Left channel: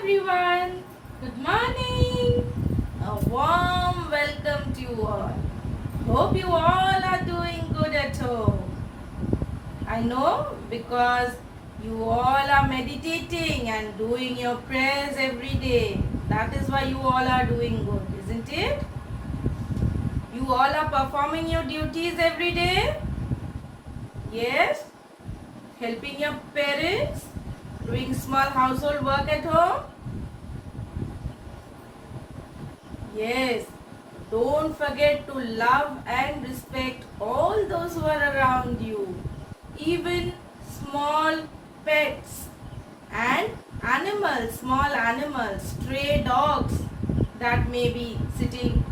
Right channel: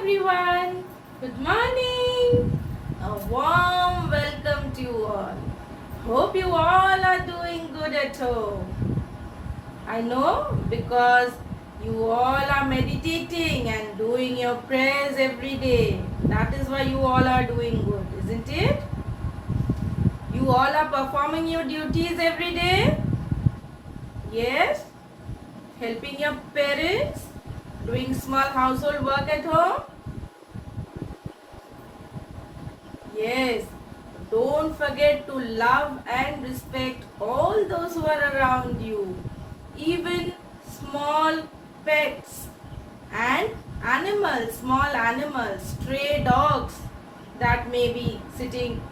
everyone. Good morning. A warm welcome to you all. Hope you all are doing good at home. I know because you all are meditating and doing your prayers every day. That is why you all are doing good, isn't it? You all are performing your duties every day? Yes? Helping your parents? Doing small household work at home? Yes, don't forget to love and respect all those who are around you, even small pets and animals, small animals, stray dogs that may be sitting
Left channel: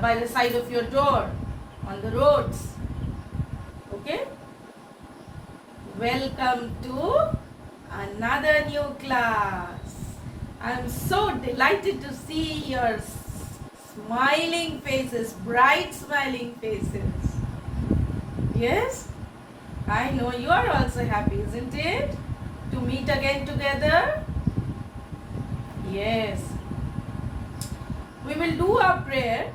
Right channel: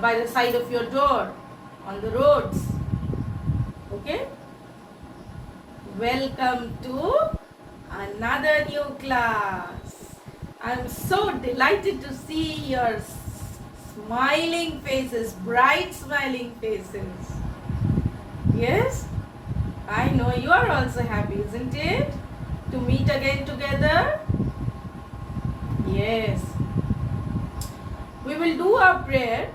by the side of your door on the roads. Okay? Welcome to another new class. I'm so delighted to see your smiling faces, bright smiling faces. Yes, I know you are also happy, isn't it? To meet again together. Yes. We will do our prayer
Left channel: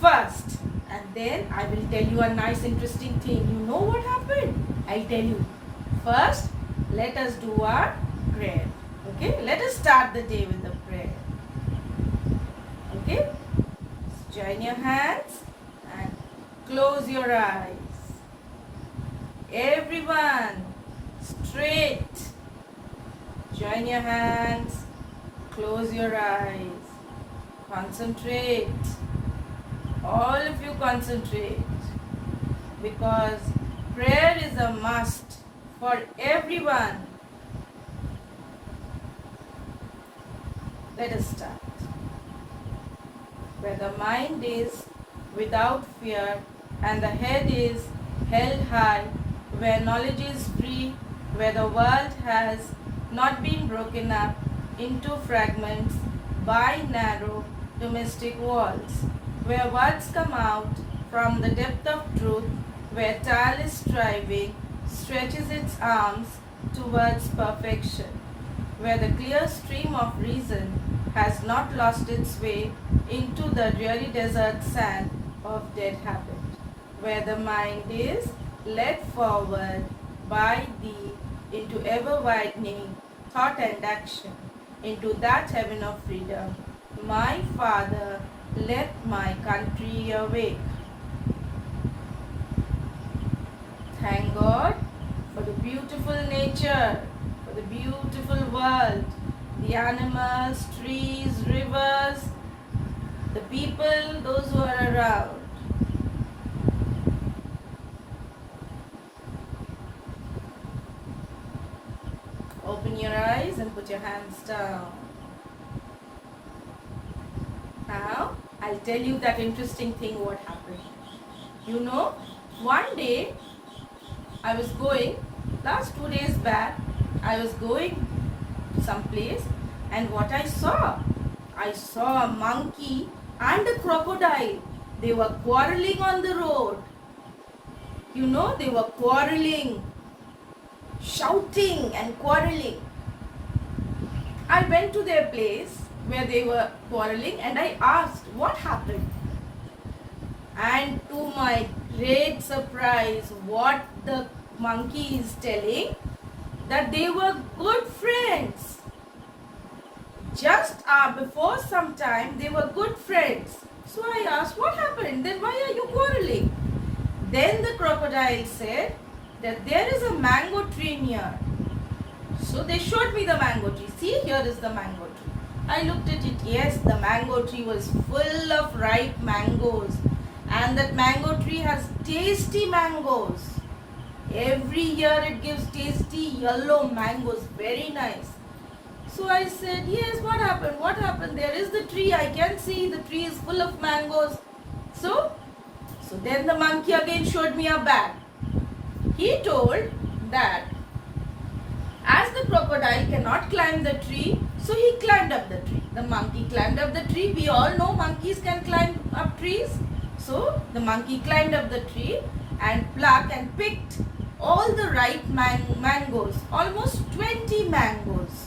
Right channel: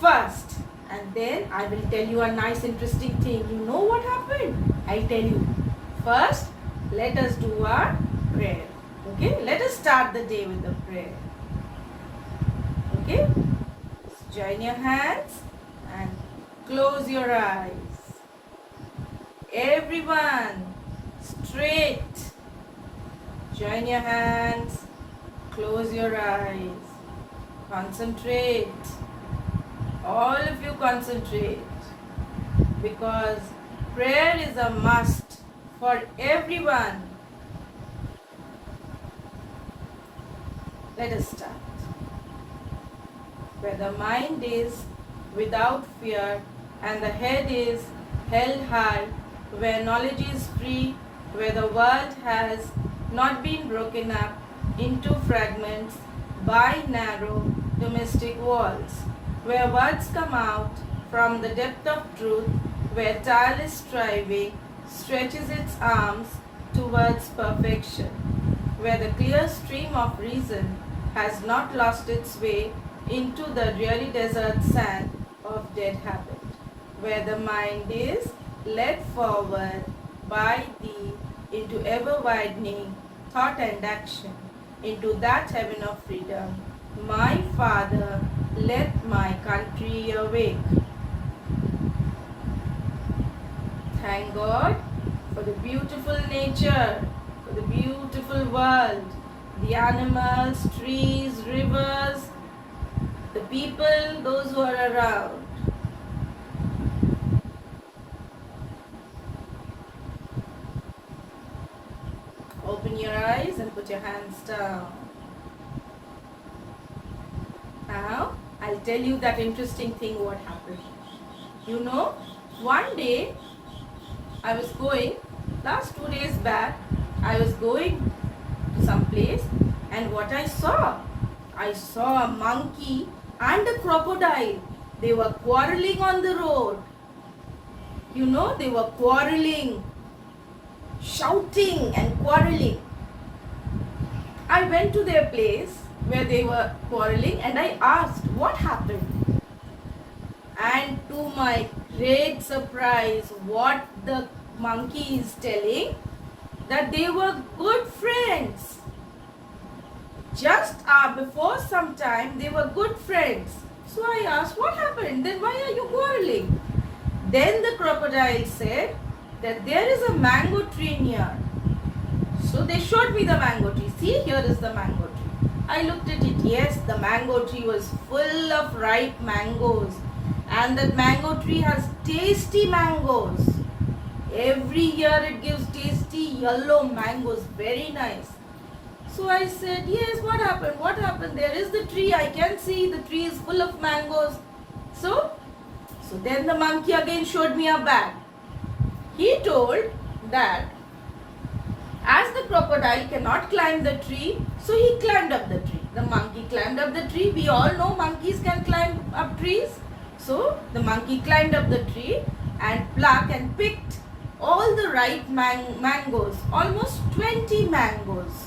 first and then I will tell you a nice interesting thing. You know what happened? I'll tell you. First, let us do our prayer. Okay, let us start the day with the prayer. Okay, join your hands and close your eyes. Everyone, straight. Join your hands, close your eyes. Concentrate. All of you concentrate. Because prayer is a must for everyone. Let us start. Where the mind is without fear and the head is held high, where knowledge is free, where the world has not been broken up into fragments by narrow domestic walls, where words come out from the depth of truth, where tireless striving stretches its arms towards perfection, where the clear stream of reason has not lost its way into the dreary desert sand of dead habit, where the mind is led forward by thee into ever-widening thought and action, into that heaven of freedom. My Father, let my country awake. Thank God for the beautiful nature, for the beautiful world, the animals, trees, rivers, the people, those who are around. Open your eyes and put your hands down. Now, I'll tell you that interesting thing what happened. You know, one day I was going, last 2 days back, I was going to some place and what I saw a monkey and a crocodile. They were quarreling on the road. You know, they were quarreling, shouting and quarreling. I went to their place where they were quarreling and I asked what happened. And to my great surprise, what the monkey is telling, that they were good friends. Just before some time, they were good friends. So I asked, what happened? Then why are you quarreling? Then the crocodile said that there is a mango tree near. So they showed me the mango tree. See, here is the mango tree. I looked at it. Yes, the mango tree was full of ripe mangoes. And that mango tree has tasty mangoes. Every year it gives tasty yellow mangoes. Very nice. So I said, yes, what happened? What happened? There is the tree. I can see the tree is full of mangoes. So then the monkey again showed me a bag. He told that as the crocodile cannot climb the tree, so he climbed up the tree. The monkey climbed up the tree. We all know monkeys can climb up trees. So the monkey climbed up the tree and plucked and picked all the ripe mangoes, almost 20 mangoes.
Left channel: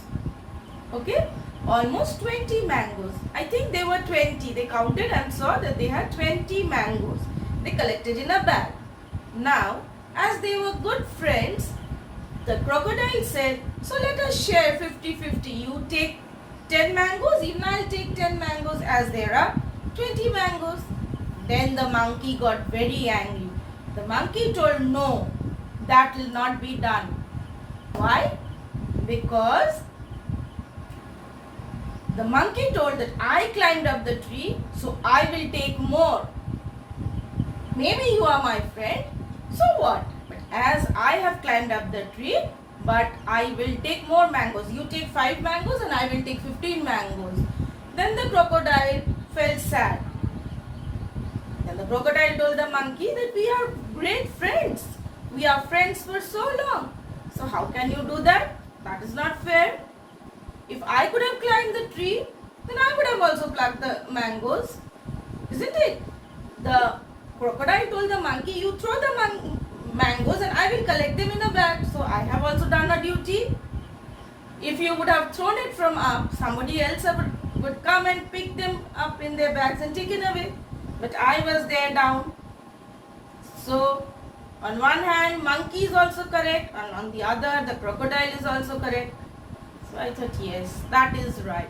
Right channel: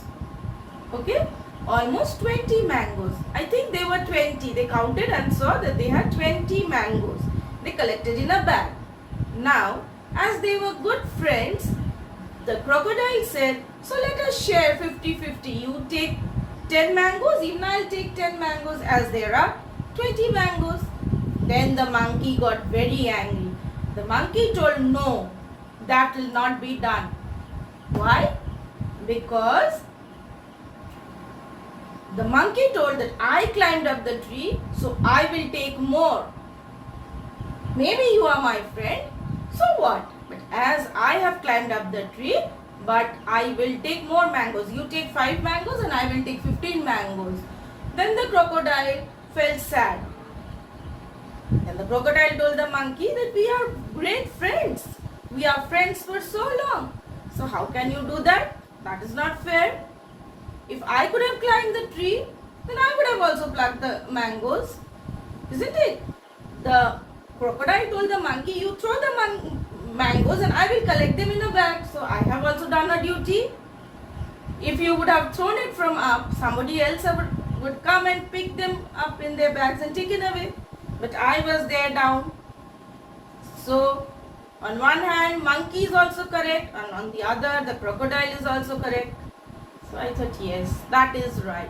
Okay, almost 20 mangoes. I think they were 20. They counted and saw that they had 20 mangoes. They collected in a bag. Now, as they were good friends, the crocodile said, so let us share 50-50. You take 10 mangoes, even I'll take 10 mangoes, as there are 20 mangoes. Then the monkey got very angry. The monkey told, no, that will not be done. Why? Because the monkey told that I climbed up the tree, so I will take more. Maybe you are my friend, so what? But as I have climbed up the tree, but I will take more mangoes. You take 5 mangoes and I will take 15 mangoes. Then the crocodile felt sad. And the crocodile told the monkey that we are great friends. We are friends for so long. So how can you do that? That is not fair. If I could have climbed the tree, then I would have also plucked the mangoes. Isn't it? The crocodile told the monkey, you throw the mangoes and I will collect them in a bag. So I have also done a duty. If you would have thrown it from up, somebody else would come and pick them up in their bags and take it away. But I was there down. So on one hand, monkey is also correct, and on the other, the crocodile is also correct. So I thought, yes, that is right.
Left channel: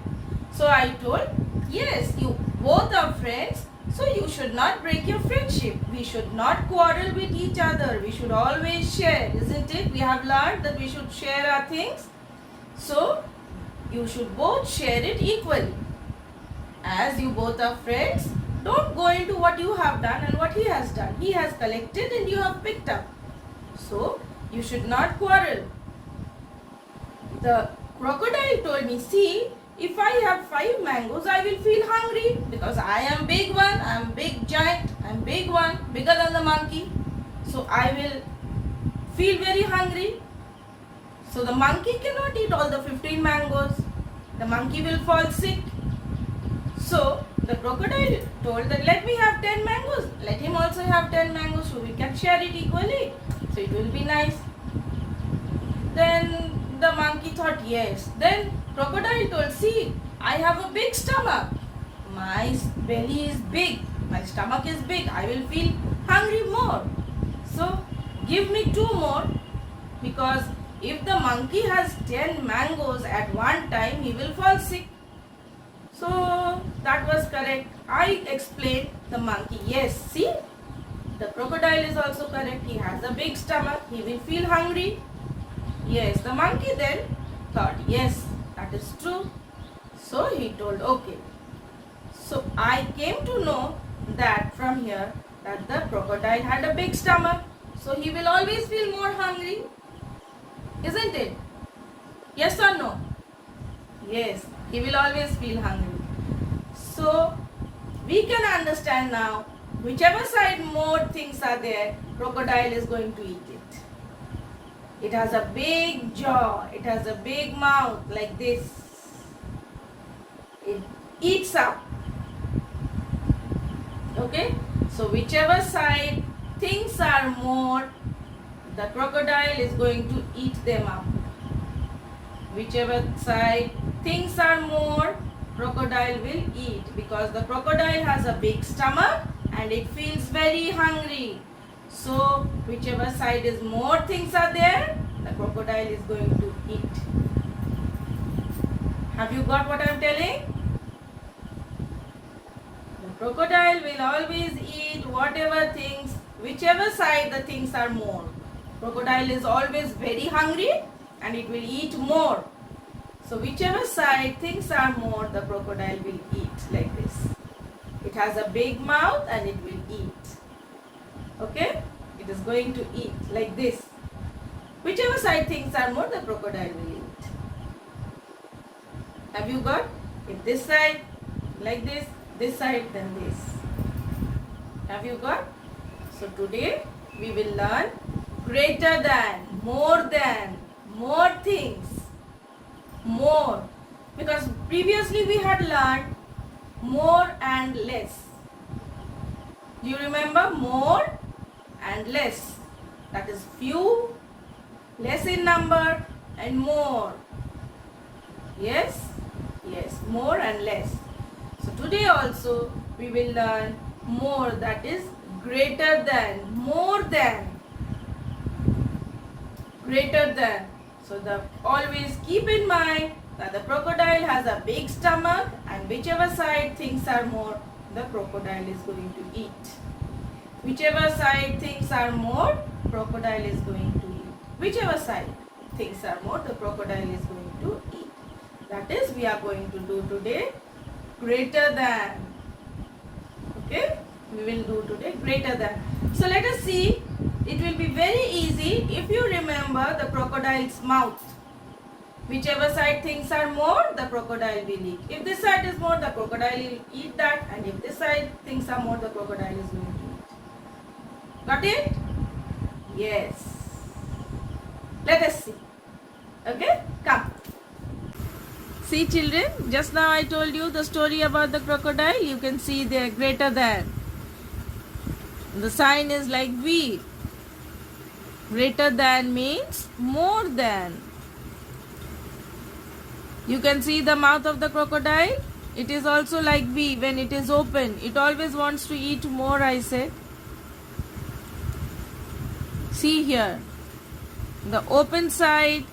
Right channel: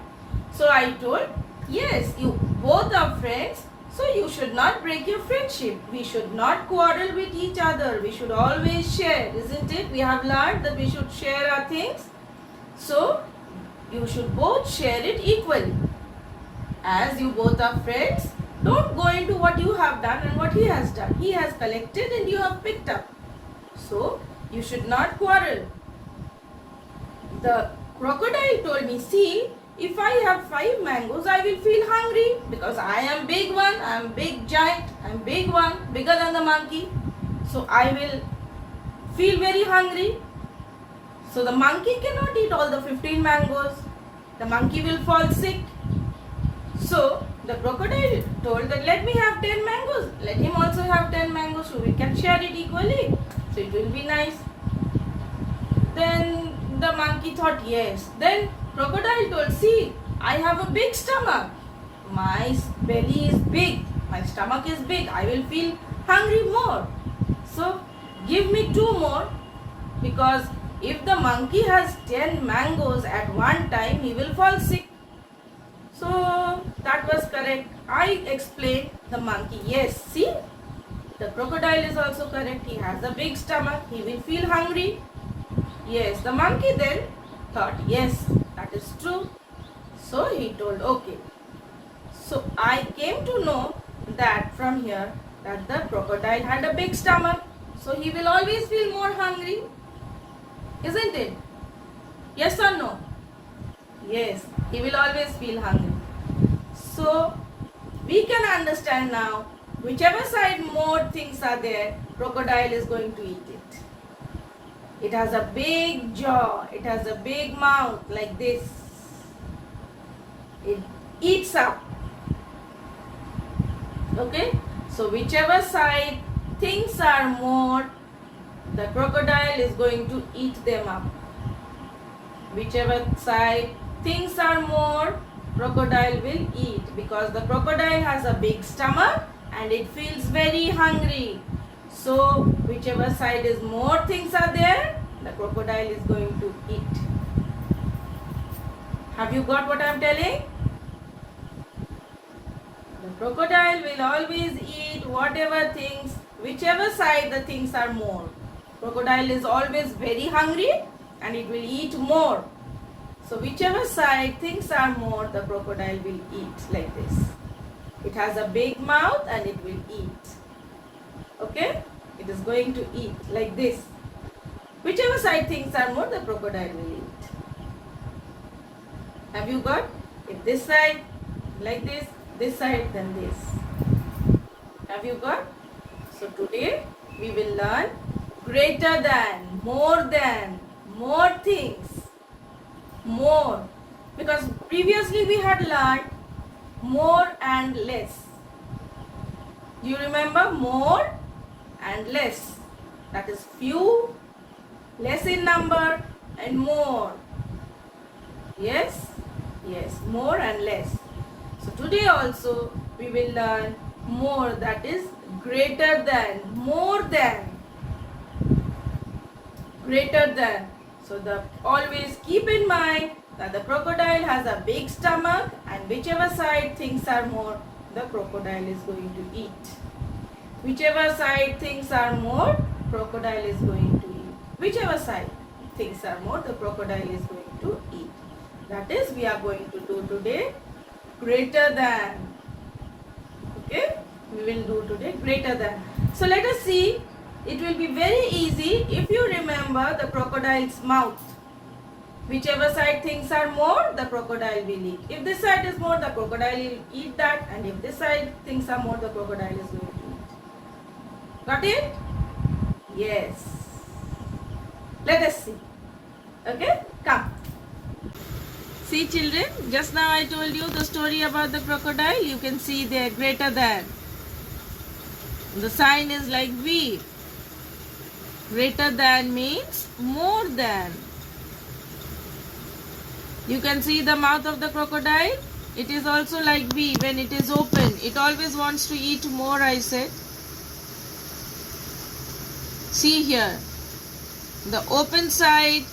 So I told, yes, you both are friends, so you should not break your friendship. We should not quarrel with each other. We should always share, isn't it? We have learned that we should share our things. So you should both share it equally. As you both are friends, don't go into what you have done and what he has done. He has collected and you have picked up. So you should not quarrel. The crocodile told me, see, if I have 5 mangoes, I will feel hungry because I am big one, I am big giant, I am big one, bigger than the monkey. So I will feel very hungry. So the monkey cannot eat all the 15 mangoes. The monkey will fall sick. So the crocodile told that let me have 10 mangoes. Let him also have 10 mangoes so we can share it equally. So it will be nice. Then the monkey thought, yes. Then crocodile told, see, I have a big stomach. My belly is big. My stomach is big. I will feel hungry more. So give me 2 more, because if the monkey has 10 mangoes at one time, he will fall sick. So that was correct. I explained the monkey, yes, see, the crocodile is also correct. He has a big stomach. He will feel hungry. Yes, the monkey then thought, yes, that is true. So he told, okay. So I came to know that from here that the crocodile had a big stomach. So he will always feel more hungry. Isn't it? Yes or no? Yes, he will always feel hungry. So we can understand now, whichever side more things are there, crocodile is going to eat it. It has a big jaw, it has a big mouth like this. It eats up. Okay? So whichever side things are more, the crocodile is going to eat them up. Whichever side things are more, crocodile will eat, because the crocodile has a big stomach and it feels very hungry. So whichever side is more things are there, the crocodile is going to eat. Have you got what I am telling? The crocodile will always eat whatever things, whichever side the things are more. Crocodile is always very hungry and it will eat more. So whichever side things are more, the crocodile will eat like this. It has a big mouth and it will eat. Okay? It is going to eat like this. Whichever side things are more, the crocodile will eat. Have you got? If this side, like this side, then this. Have you got? So today we will learn greater than, more things. More, because previously we had learned more and less. Do you remember? More and less. That is few, less in number, and more. Yes? Yes, more and less. So today also we will learn more, that is greater than, more than, greater than. So always keep in mind that the crocodile has a big stomach, and whichever side things are more, the crocodile is going to eat. Whichever side things are more, crocodile is going to eat. Whichever side things are more, the crocodile is going to eat. That is, we are going to do today greater than. Okay, we will do today greater than. So let us see. It will be very easy if you remember the crocodile's mouth. Whichever side things are more, the crocodile will eat. If this side is more, the crocodile will eat that, and if this side things are more, the crocodile is going to eat. Got it? Yes. Let us see. Okay, come. See children, just now I told you the story about the crocodile. You can see they are greater than. The sign is like V. Greater than means more than. You can see the mouth of the crocodile. It is also like V. When it is open, it always wants to eat more, I said. See here. The open side,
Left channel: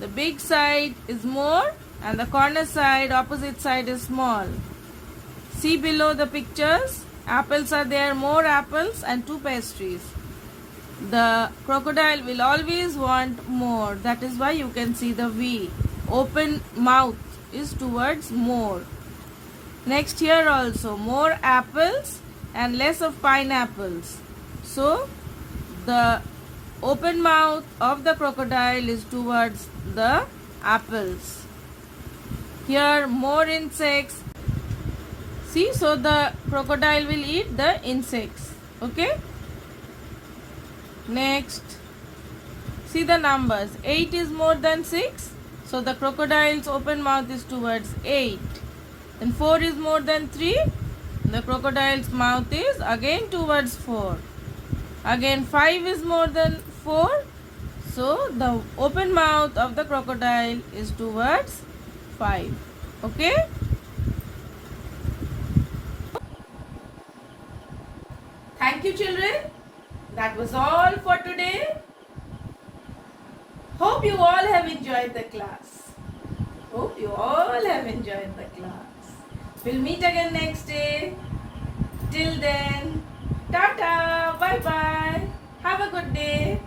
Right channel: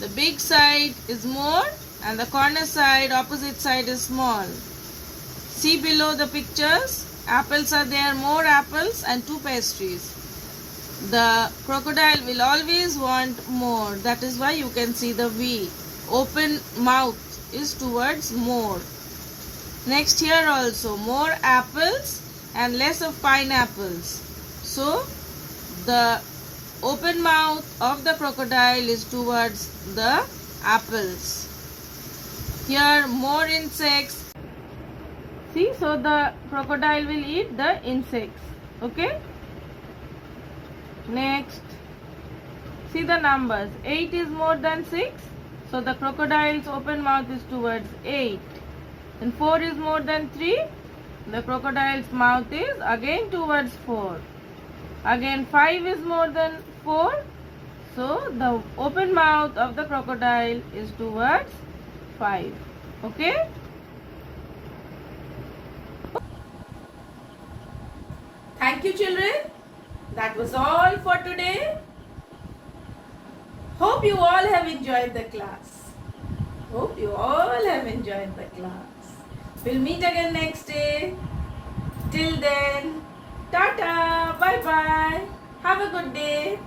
the big side is more, and the corner side, opposite side is small. See below the pictures. Apples are there, more apples and 2 pastries. The crocodile will always want more. That is why you can see the V. Open mouth is towards more. Next here also, more apples and less of pineapples. So the open mouth of the crocodile is towards the apples. Here more insects. See, so the crocodile will eat the insects. Okay. Next, see the numbers. 8 is more than 6. So the crocodile's open mouth is towards 8. And 4 is more than 3. The crocodile's mouth is again towards 4. Again 5 is more than 4. So the open mouth of the crocodile is towards 5. Okay? Thank you children. That was all for today. Hope you all have enjoyed the class. Hope you all have enjoyed the class. We'll meet again next day. Till then, tata, bye bye. Have a good day.